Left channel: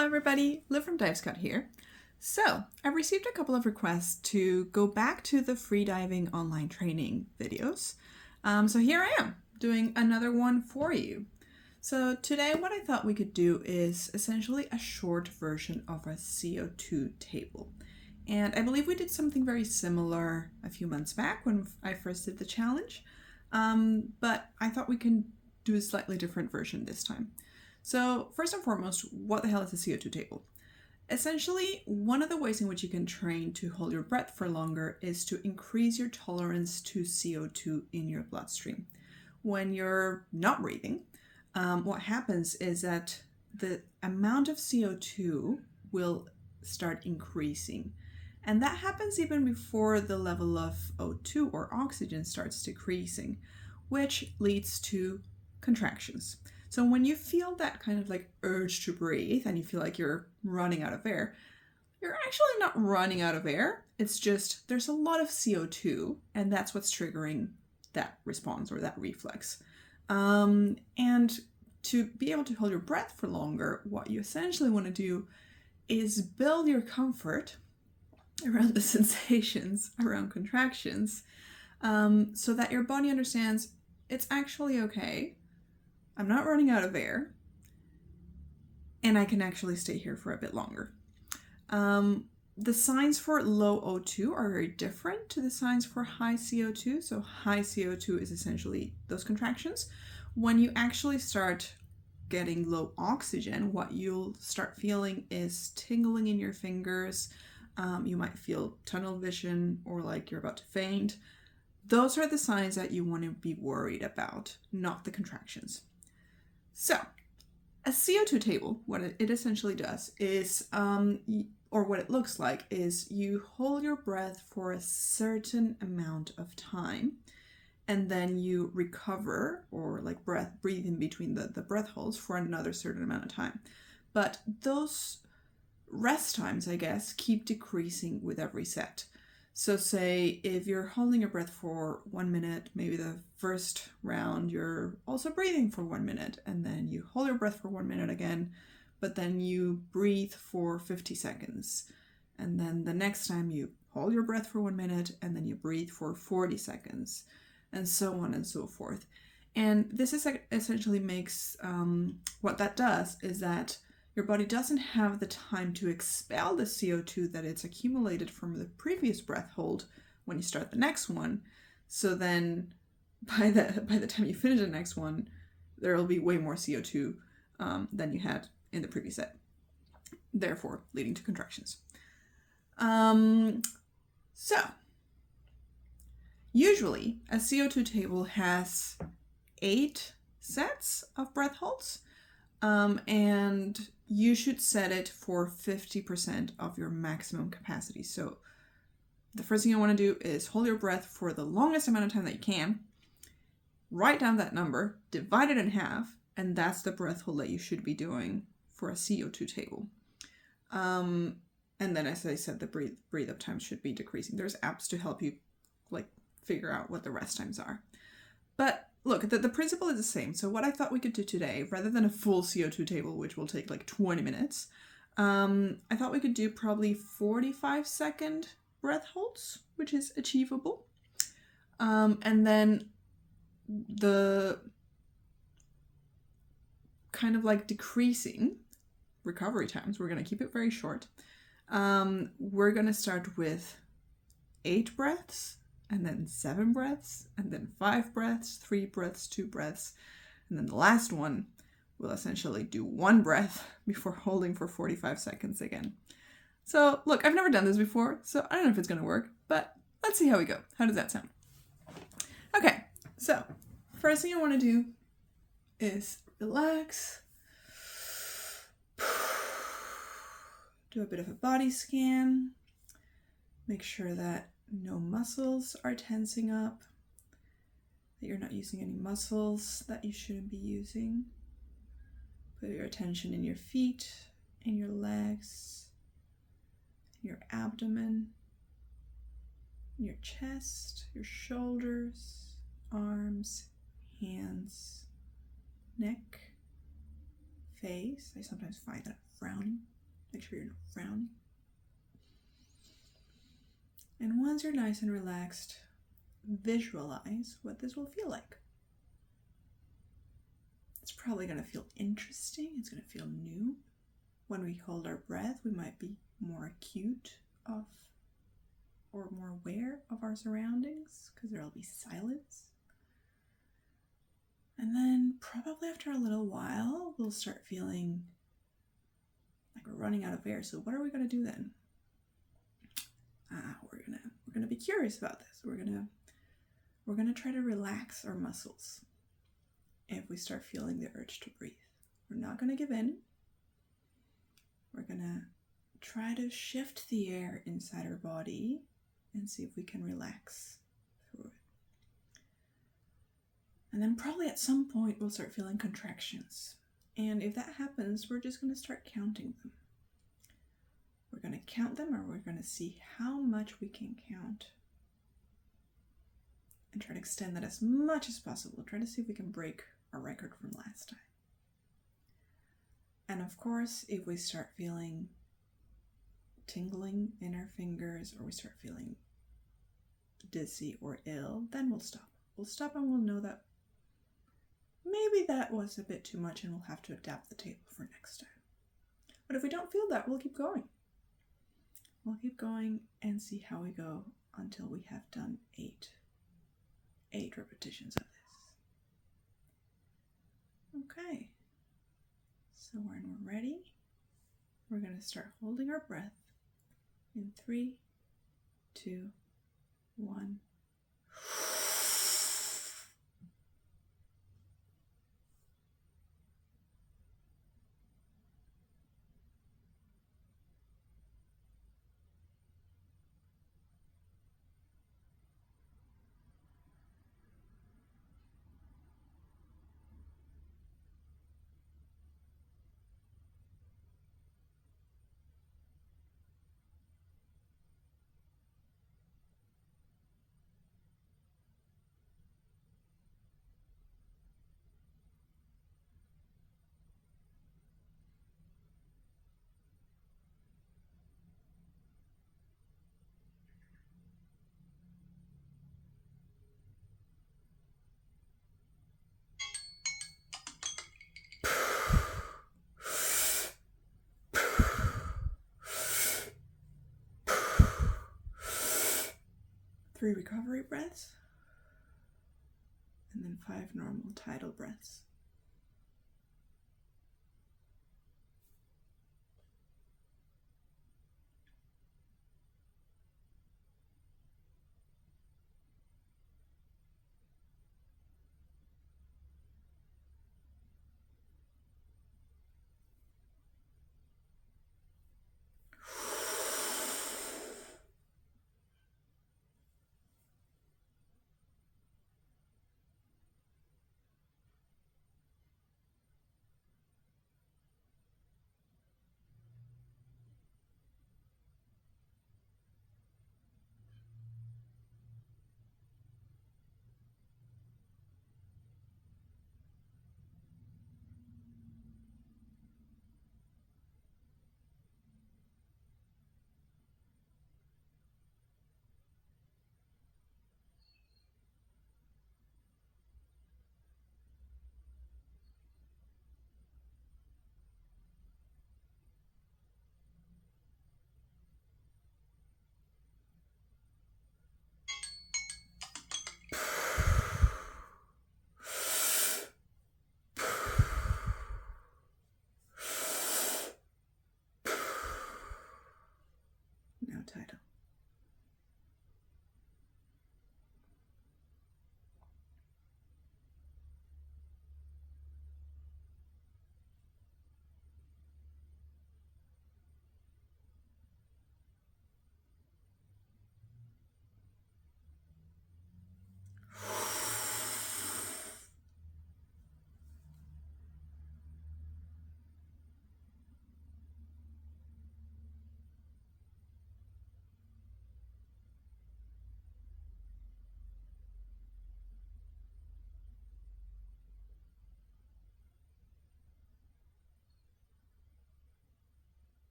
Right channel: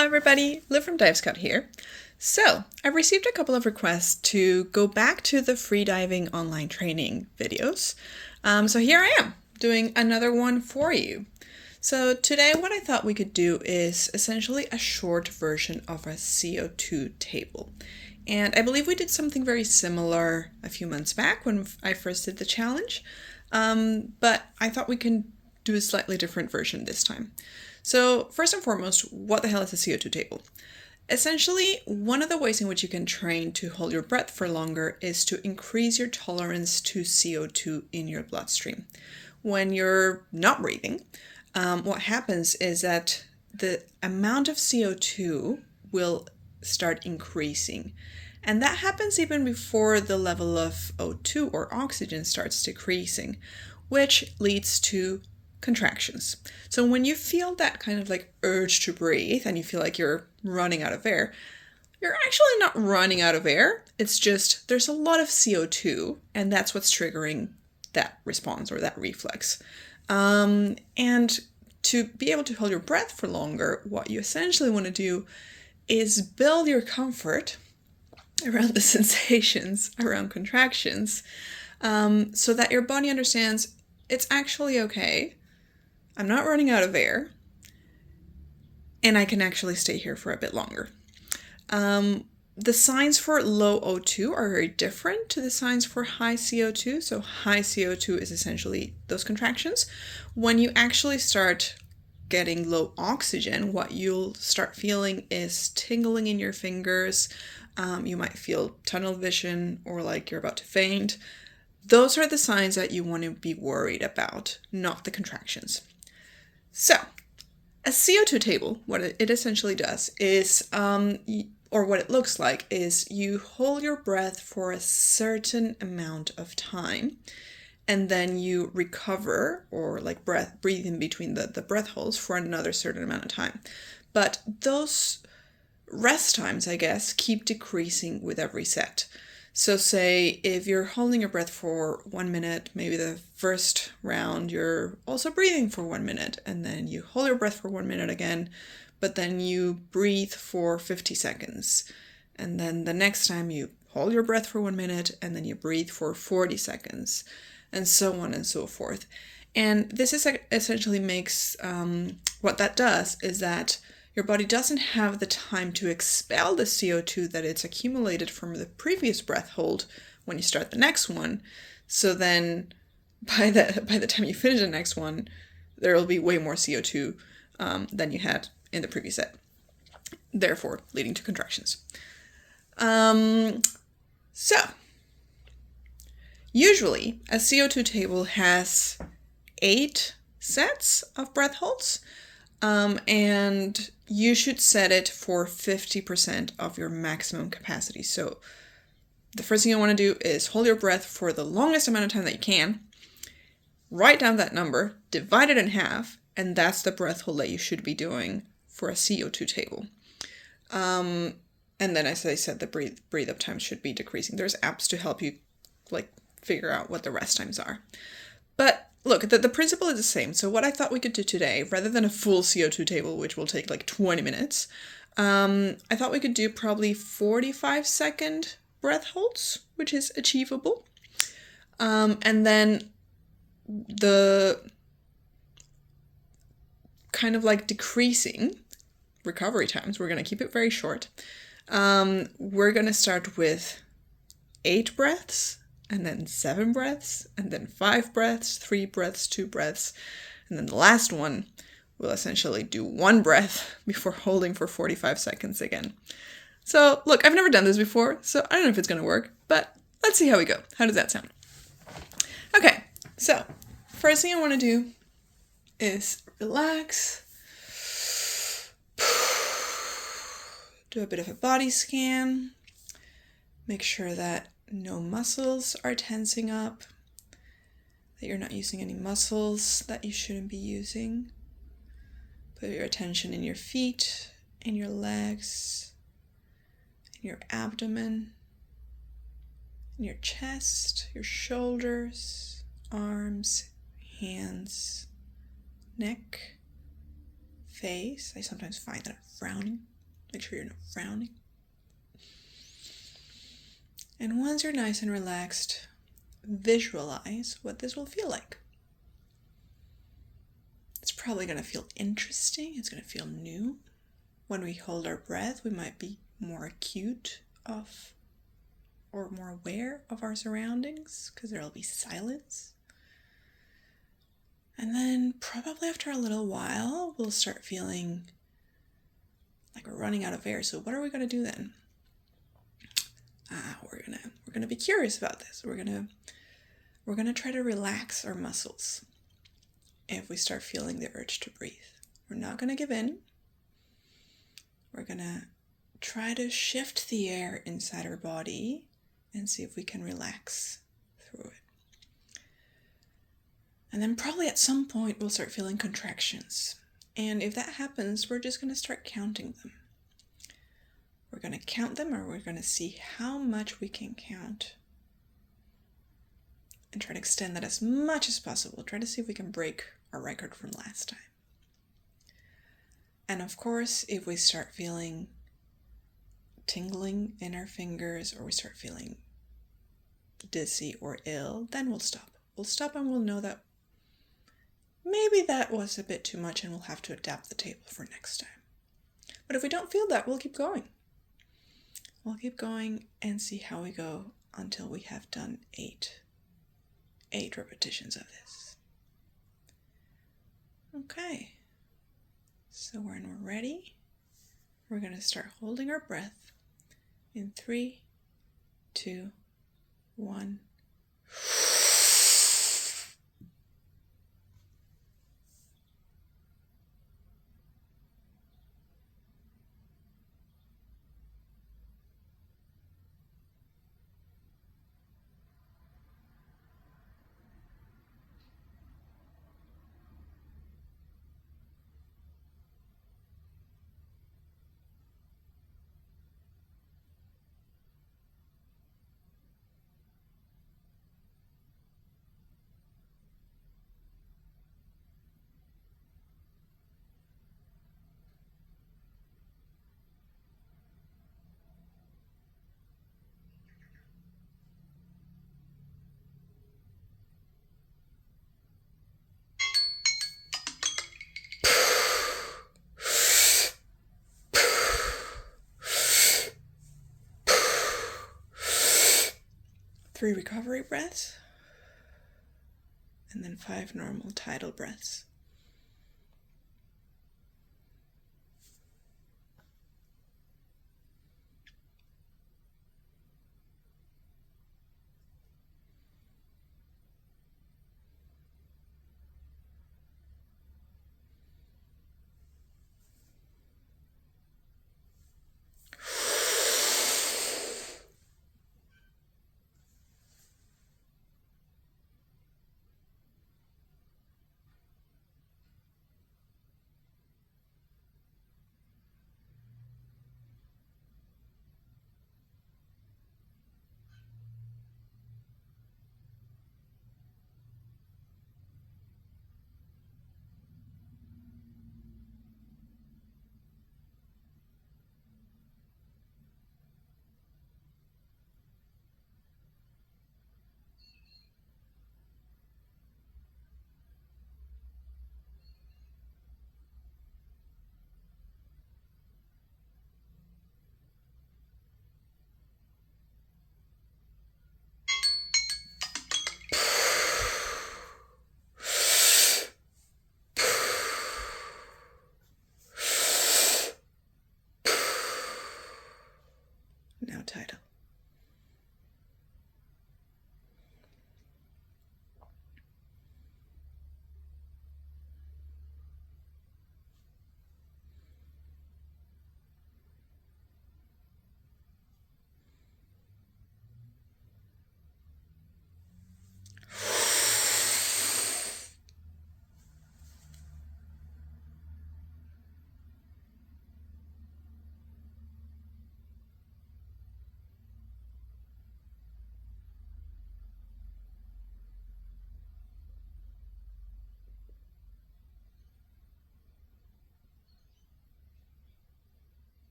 Hello everybody, Liv from Dive Scout here. So, I've received a couple of requests to go back to the freediving online training videos. So here I am, doing another one for you. So today what I thought we could do is essentially a short version of a CO2 table. And I believe we did something very similar a few months back when I first did the challenge. But I thought we can do a slightly different version this time. So first and foremost, what the hell is a CO2 table? Essentially, one of the ways in which you can train to hold your breath for longer is to increase your tolerance to CO2 in your bloodstream. When you're not breathing, what happens is that the amount of CO2 will start increasing. And that happens even before the level of O2 or oxygen starts decreasing, which leads to contractions. So when you feel that kind of like urge to breathe and you feel like you're running out of air, you're actually not running out of air. It's just there's a lot of CO2 and that's what's triggering that response or that reflex. And to be able to hold your breath for longer, what you essentially want to do is build your comfort around the sensations, around contractions, so that your body understands it's actually okay. I'm not running out of air, and I can actually stay here for a bit longer. The signs for low O2 are very different to the signs for high CO2. So high CO2 is essentially those contractions. When you actually start getting low oxygen, what you'll start feeling is tingling in your fingers. You might feel tunnel vision or like you're about to faint. Those are the signs that you want to be worried about, not the contractions. So, a CO2 table, what it essentially does is, or what it looks like, is you hold your breath for a certain amount of time, and then you recover, or like breathe in between the breath holds for another certain amount of time. But those rest times, I guess, keep decreasing with every set. So say if you're holding your breath for 1 minute, maybe the first round you're also breathing for 1 minute, and then you hold your breath for 1 minute again, but then you breathe for 50 seconds. And then the next time you hold your breath for 1 minute, and then you breathe for 40 seconds, and so on and so forth. And this is essentially makes, what that does is that your body doesn't have the time to expel the CO2 that it's accumulated from the previous breath hold when you start the next one. So then by the time you finish the next one, there will be way more CO2 than you had in the previous set, therefore leading to contractions. So usually a CO2 table has 8 sets of breath holds, and you should set it for 50% of your maximum capacity. So the first thing you want to do is hold your breath for the longest amount of time that you can, write down that number, divide it in half, and that's the breath hold that you should be doing for a CO2 table. And then, as I said, the breathe up time should be decreasing. There's apps to help you like figure out what the rest times are. But look, the principle is the same. So what I thought we could do today, rather than a full CO2 table, which will take like 20 minutes, I thought we could do probably 45-second breath holds, which is achievable. And then the kind of like decreasing recovery times, we're going to keep it very short. We're going to start with 8 breaths, and then 7 breaths, and then 5 breaths, 3 breaths, 2 breaths, and then the last one will essentially do 1 breath before holding for 45 seconds again. So look, I've never done this before, so I don't know if it's going to work, but let's see how we go. How does that sound? Okay, so first thing I want to do is relax, do a bit of a body scan, make sure that no muscles are tensing up, that you're not using any muscles that you shouldn't be using. Put your attention in your feet, in your legs, in your abdomen, in your chest, your shoulders, arms, hands, neck, face. I sometimes find that I'm frowning. Make sure you're not frowning. And once you're nice and relaxed, visualize what this will feel like. It's probably going to feel interesting. It's going to feel new. When we hold our breath, we might be more acute of or more aware of our surroundings because there will be silence. And then probably after a little while, we'll start feeling like we're running out of air. So what are we going to do then? We're gonna be curious about this. We're gonna try to relax our muscles if we start feeling the urge to breathe. We're not gonna give in. We're gonna try to shift the air inside our body and see if we can relax through it. And then probably at some point we'll start feeling contractions. And if that happens, we're just gonna start counting them. We're going to count them, or we're going to see how much we can count and try to extend that as much as possible. Try to see if we can break our record from last time. And of course, if we start feeling tingling in our fingers, or we start feeling dizzy or ill, then we'll stop. We'll stop and we'll know that maybe that was a bit too much and we'll have to adapt the table for next time. But if we don't feel that, we'll keep going. We'll keep going and see how we go until we have done eight repetitions of this. Okay, so when we're ready, we're going to start holding our breath in 3, 2, 1. Three recovery breaths, and then 5 normal tidal breaths. Now tidal.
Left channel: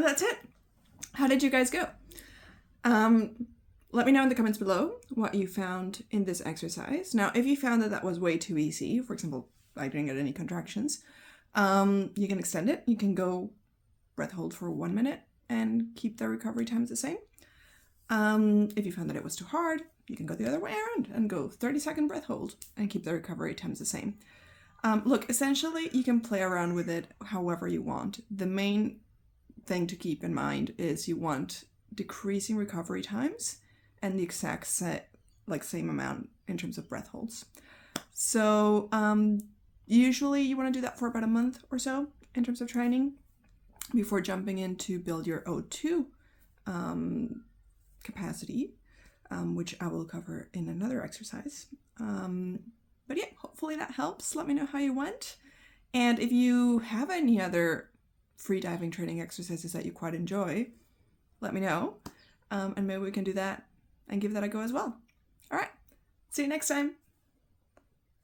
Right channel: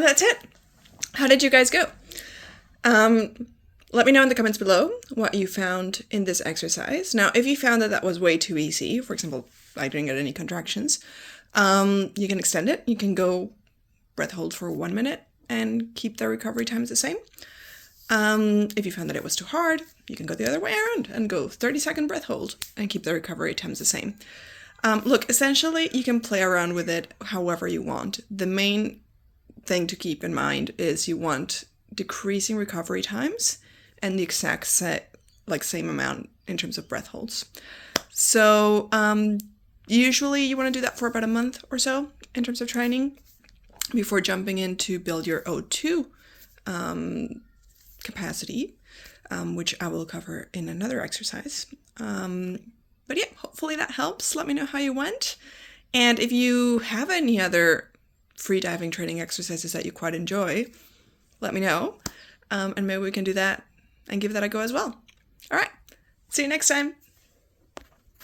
And that's it. How did you guys go? Let me know in the comments below what you found in this exercise. Now, if you found that was way too easy, for example, I didn't get any contractions, you can extend it. You can go breath hold for 1 minute and keep the recovery times the same. If you found that it was too hard, you can go the other way around and go 30-second breath hold and keep the recovery times the same. Look, essentially, you can play around with it however you want. The main thing to keep in mind is you want decreasing recovery times and the exact same amount in terms of breath holds. So usually you want to do that for about a month or so in terms of training before jumping in to build your O2 capacity, which I will cover in another exercise. But yeah, hopefully that helps. Let me know how you went. And if you have any other free diving training exercises that you quite enjoy, let me know. And maybe we can do that and give that a go as well. All right. See you next time.